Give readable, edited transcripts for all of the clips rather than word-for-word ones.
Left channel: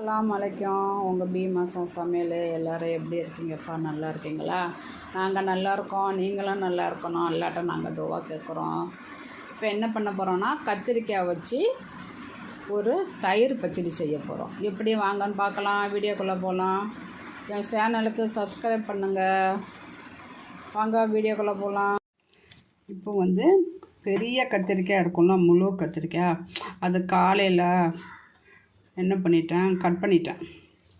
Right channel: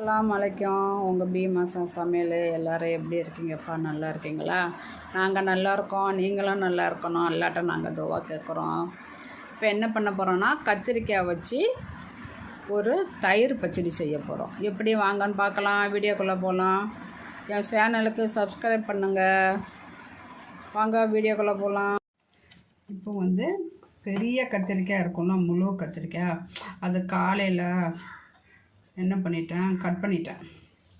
அஸ்ஸலாமு அலைக்கும். உங்கள் பீமாசா சமையல் எல்லோரும் எப்படி இருக்கீங்கப்பா? நல்லா இருக்கீங்களா? நாங்கள் நல்லா இருக்கோம். நீங்களும் நல்லா இருக்கணும். அல்லாட்ட நாங்கள் துவா கேட்குறோம். இப்போ என்ன பண்ண போகிறோன்னா, கத்திரிக்காய் வச்சு ஒரு தயிர் பச்சடி செய்ய போகிறோம். எப்படி வாங்கன்னு பார்க்கலாம். வீடியோக்குள்ளே போகலாம். என் சேனலுக்கு சப்ஸ்கிரைப் பண்ணுங்கள். வாங்க வீடியோக்குள்ளே போகலாம். இப்போ பெரிய கத்திரிக்காய் இருக்கும்ல, முழு கத்திரிக்காய், அது காலையில் என்ன பண்ணிட்டேன், கட் பண்ணிட்டேன்.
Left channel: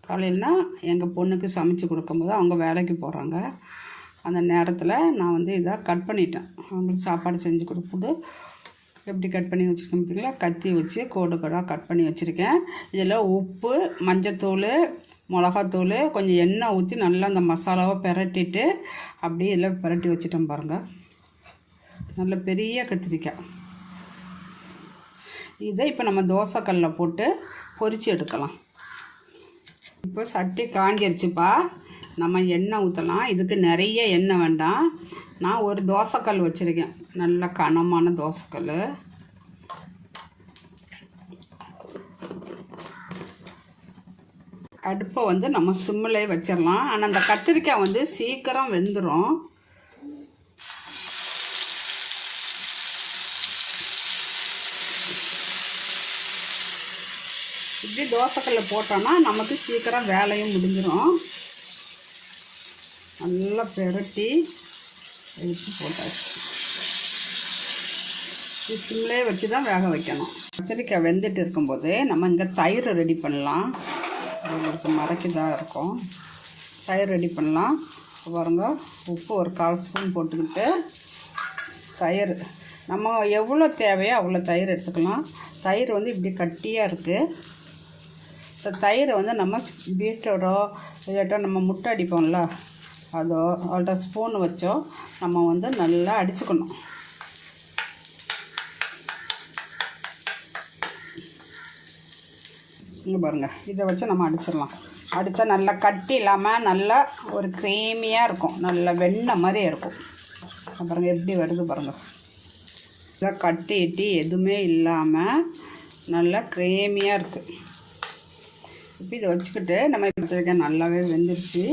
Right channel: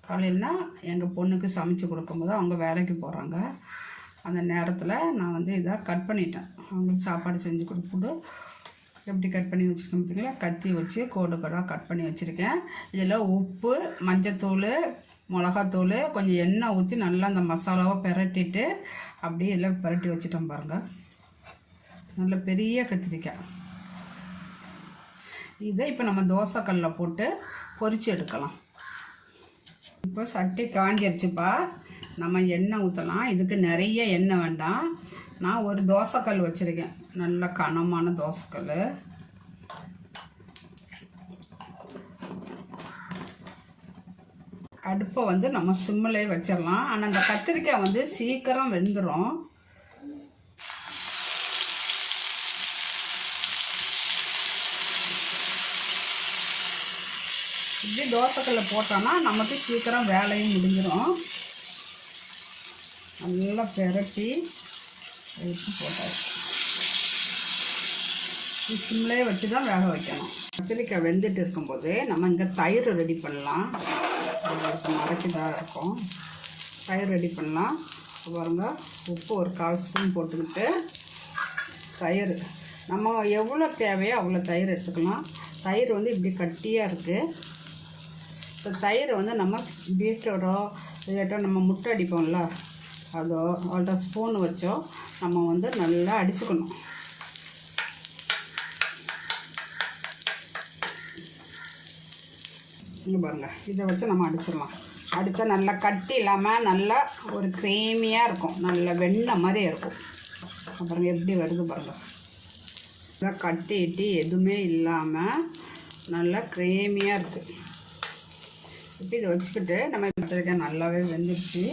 காலையில்னா எங்கள் பொண்ணுக்கு சமைச்சு கொடுக்கும்போது அவங்க வேலைக்கு போகிறாங்க. அந்த நேரத்தில் நான் இதை கட் பண்ணிட்டேன். அவங்களுக்கு சாப்பாடு செஞ்சு கொடுக்கும்போது எப்படி கட் பண்ணி வச்சுருக்கேன் பார்த்தீங்களா? கத்தி வச்சு கோடு கோடாக கட் பண்ணி வச்சுருக்கேன். இதில் உப்பு, மஞ்சத்தூள், மிளகாத்தூள், கொஞ்சம் எண்ணெய் ஊற்றி நல்லா அந்த மசாலாவை பிரட்டிட்டு அப்படியே இதில் பிரட்டி வச்சுட்டோம் பாருங்கள். நல்ல பெரிய கத்திரிக்காய். இதை இப்போ நம்ம தோசைக்கல்லில் போட்டு பொரித்து எடுக்கலாம். இப்போ சட்டி காஞ்சிருச்சுப்பா. நம்ம எண்ணெய் ஊற்றலாம். இதுக்கு நிறைய எண்ணெய் வேண்டாம். நான் ஒரு தோசைக்கல் வச்சுருக்கேன், நல்ல கனமான தோசைக்கல். அடுப்பை நம்ம சிம்மிலே வச்சிடலாம். ஆனால் அந்த கத்திரிக்காய் சீக்கிரம் வெந்துடும். இப்படி தோசைக்கல்ல போட்டோன்னா நமக்கு சீக்கிரம் வேலையும் முடிஞ்சிடும். நல்லா பிரட்டி எடுத்து போட்டாச்சு. சிம்லே வச்சு தான் வேக வைக்கணும். கத்திரிக்காய் வெந்துட்டு இருக்கும்போது நம்ம இங்கே தயிர் ரெடி பண்ணலாம். மறைக்கதாக இருக்கும். தயிர் ரெடி பண்ணலாம். பாருங்க, உப்பு ஒரு 1/4 ஸ்பூன் போட்டுக்கிட்டு தயிர் நம்ம எவ்வளோ தேவையோ அவ்வளோ தயிர் எடுத்துக்கலாம். தயிர் இப்படி கட்டியாக இருக்குது. இந்த தயிரை நம்ம பீட்ரூட்டோ இல்லாட்டோ நம்ம முட்டை அடிப்போம்ல, அதோ அவள்கிட்ட ஸ்பூன் வச்சோ நம்ம நல்லா அடிச்சுக்கணும். இங்கே பாருங்கள், இதை வச்சு நம்ம அடிச்சிடலாம். அடித்தா நல்லா கட்டி இல்லாமல் நல்லா ஒரு க்ரீமியாக இருக்கும். நல்லா வெண்ணெய் மாதிரி இருக்கும். பாருங்கள் எப்படி வருது பாருங்கள். நல்லா கட்டிட்டு எதுவுமே இல்லாமல் நல்லா க்ரீமியாக இருக்குது. இப்போ இதை வச்சுக்கிட்டு நம்ம வச்சுருக்க நல்லாவே வெந்துருச்சு.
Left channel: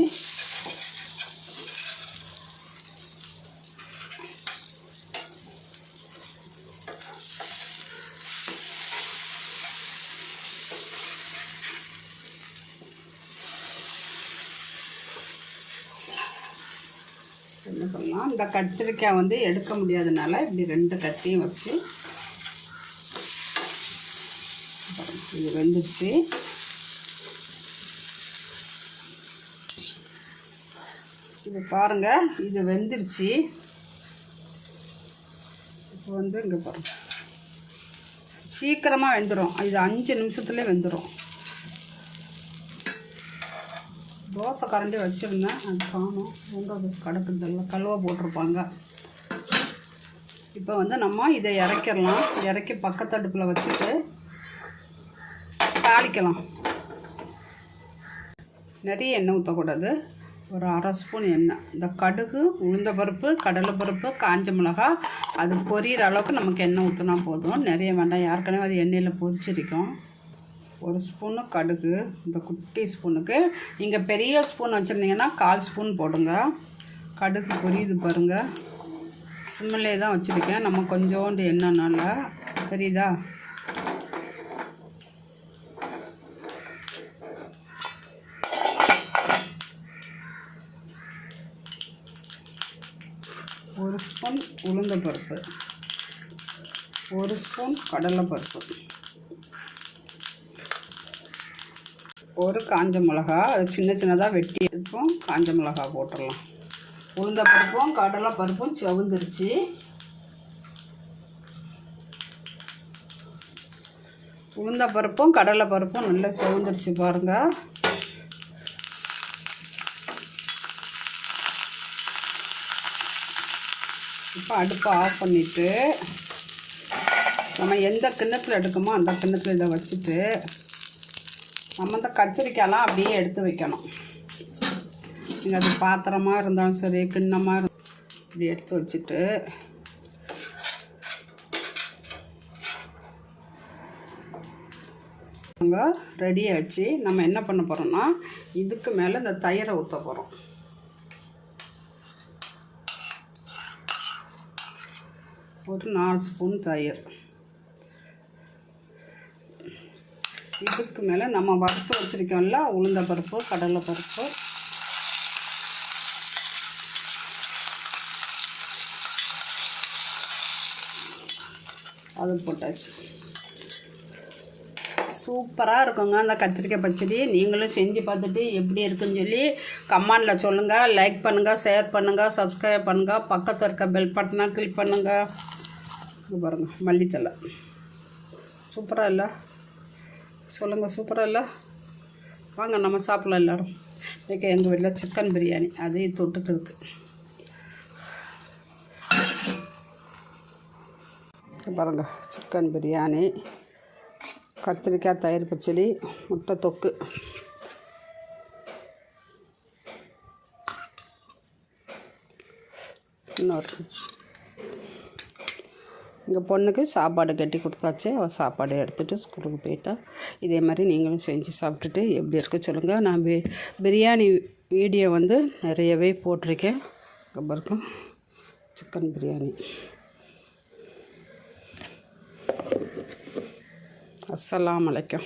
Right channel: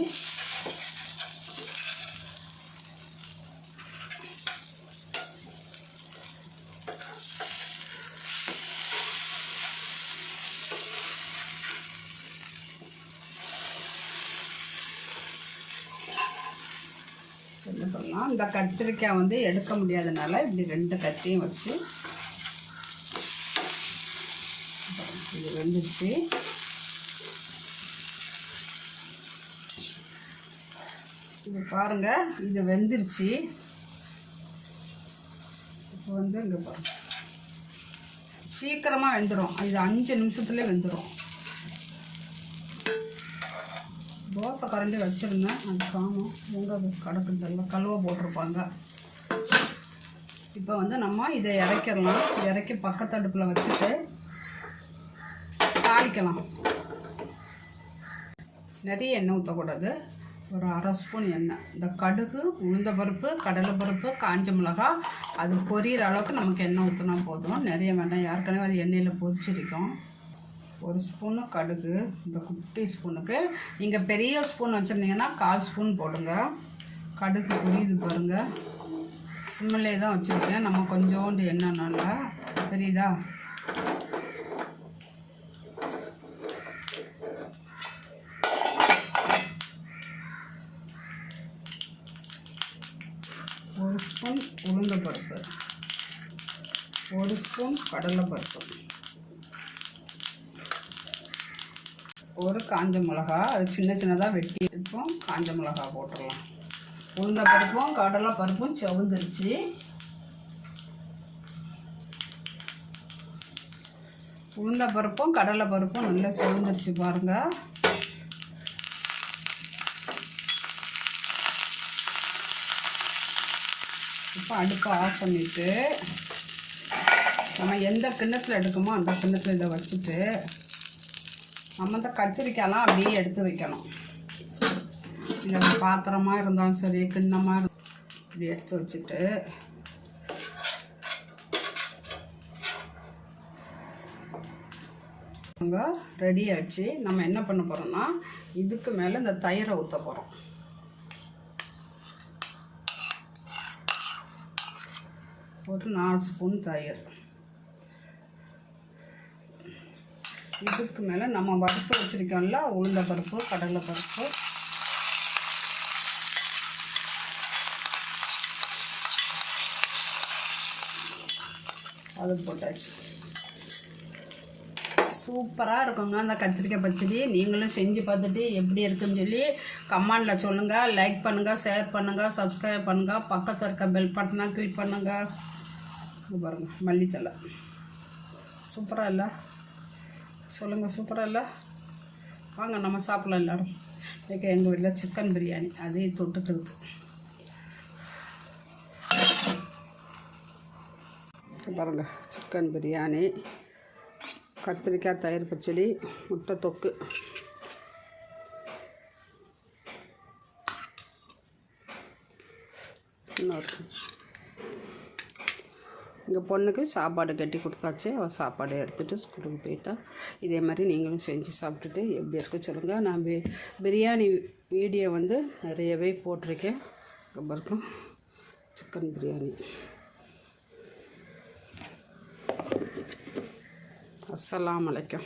என்ன சொல்லலாம், இந்த கத்திரிக்காய் எடுக்க முடியாதனால இப்படி 2 கத்தியும் வச்சு இது வெந்துருச்சு. இது பாருங்கள், இது வெந்துருச்சு. இப்போ இங்கே பாருங்கள், சீக்கிரமாக வெந்துடும். இது 5 நிமிஷத்துலேயே வெந்துடும். தோசை கரண்டி வச்சுருந்தேன், அது காணும். அது கடக்குது, கழுவ போட்டிருப்பாங்க. இப்போ நம்ம இதை இறக்கிடலாம். இறக்கி பக்கத்து அடுப்பில் வச்சுட்டு தாளிக்கலாம். நிறைய எண்ணெய் ஊற்றக்கூடாது. ஒரு 1/2 ஸ்பூன் எண்ணெய். இந்த கடுகு, உளுந்தம்பருப்பு, கடலைப்பருப்பு, காஞ்ச மிளகா அது பொரியிற அளவுக்கு நமக்கு எண்ணெய் ஊற்றினா போதும். நிறைய வேண்டாம், ஏற்கனவே அது எண்ணெயில் பொரிச்சிருக்கும். 1 ஸ்பூனு கடுகு. இந்த குட்டி ஸ்பூனுக்கு நீங்கள் பெரிய ஸ்பூன் வச்சுருந்தீங்கன்னா 1/4 ஸ்பூன் போடுங்க. கடுகு பொரியுது பாருங்கள். சிம்மிலே தான் வச்சுருக்கேன். நம்ம கொஞ்சோண்டு எண்ணெய் நல்லா தெரியுதா? ஒரு ஸ்பூன் உளுந்தம்பருப்பு, 1 ஸ்பூன் கடலைப்பருப்பு, ஒரு காஞ்ச மிளகா, அது சின்ன சின்னதாக வெட்டி எடுப்போம். காஞ்ச மிளகா போட்டுடலாம். உளுந்தம்பருப்பும் கடலைப்பருப்பும் செவந்துருச்சு. உளுந்தம்பருப்பும் கடலைப்பருப்பும் நல்லா செவந்துருச்சு பாருங்கள். இப்போ அடுப்பை ஆஃப் பண்ணிவிட்டு நம்ம எந்த கிண்ணத்தில் எடுக்கமோ அந்த கிண்ணத்தில் இதை வச்சுட்டு நம்ம இந்த கத்திரிக்காயெல்லாம் அப்படியே எடுத்து வைக்கணும். நீங்கள் அது பாத்திரமாக இருந்தாலும் சரி, கிண்ணமாக இப்படி எடுத்து வச்சுட்டு அங்கே ரெடி ஆச்சு. நம்ம என்ன பண்ண போகிறோம்னா இதுக்கு மேலே இந்த தயிரை ஊற்ற போகிறோம். ஒரு 4 ஸ்பூன் தயிர். இதுக்கு மேலே நம்ம வறுத்து வச்சுருக்கோம்ல உளுந்த பருப்பு, கடலை பருப்பு, அது போட்டாச்சு. சூப்பராக இருக்குங்க அந்த கத்திரிக்காய் பச்சடி. நீங்களும் செஞ்சு பார்த்துட்டு எப்படி இருக்குன்னு சொல்லி கமெண்டில் சொல்லுங்கள். லைக் பண்ணுங்கள், ஷேர் பண்ணுங்கள், சப்ஸ்கிரைப் பண்ணுங்கள், பக்கத்தில் இருக்க பெல் பட்டனை கிளிக் பண்ணுங்கள். இது பாருங்கள் மல்லித்தலை. சூப்பராக இல்லை? சொல்லுங்கள், சூப்பராக இல்லை? வாங்க நம்ம சாப்பிடலாம் எல்லோரும். இன்றைக்கி எங்கள் வீட்டில் சிக்கன் பிரியாணி, அதையும் தொட்டுக்கிறதுக்கு. பாருங்கள் சிக்கன் பிரியாணி, கத்திரிக்காய் தயிர் பச்சடி, முட்டை தொக்கு. இன்னொரு எங்கள் பொண்ணுக்கு சாப்பாடு கட்டி கொடுத்தாச்சு. அவள் சாப்பாடு எடுத்துகிட்டு ஸ்கூலுக்கு போயிட்டா. இதே மாதிரி நீங்களும் செஞ்சு சாப்பிட்டுட்டு எப்படி இருக்க சொல்லுங்கள். நான் பிரியாணி வீடியோ வந்து நிறையவே போட்டிருக்கேன். ரொம்ப இருக்கும் சிக்கன் பிரியாணி. அஸ்ஸலாமு அலைக்கும்.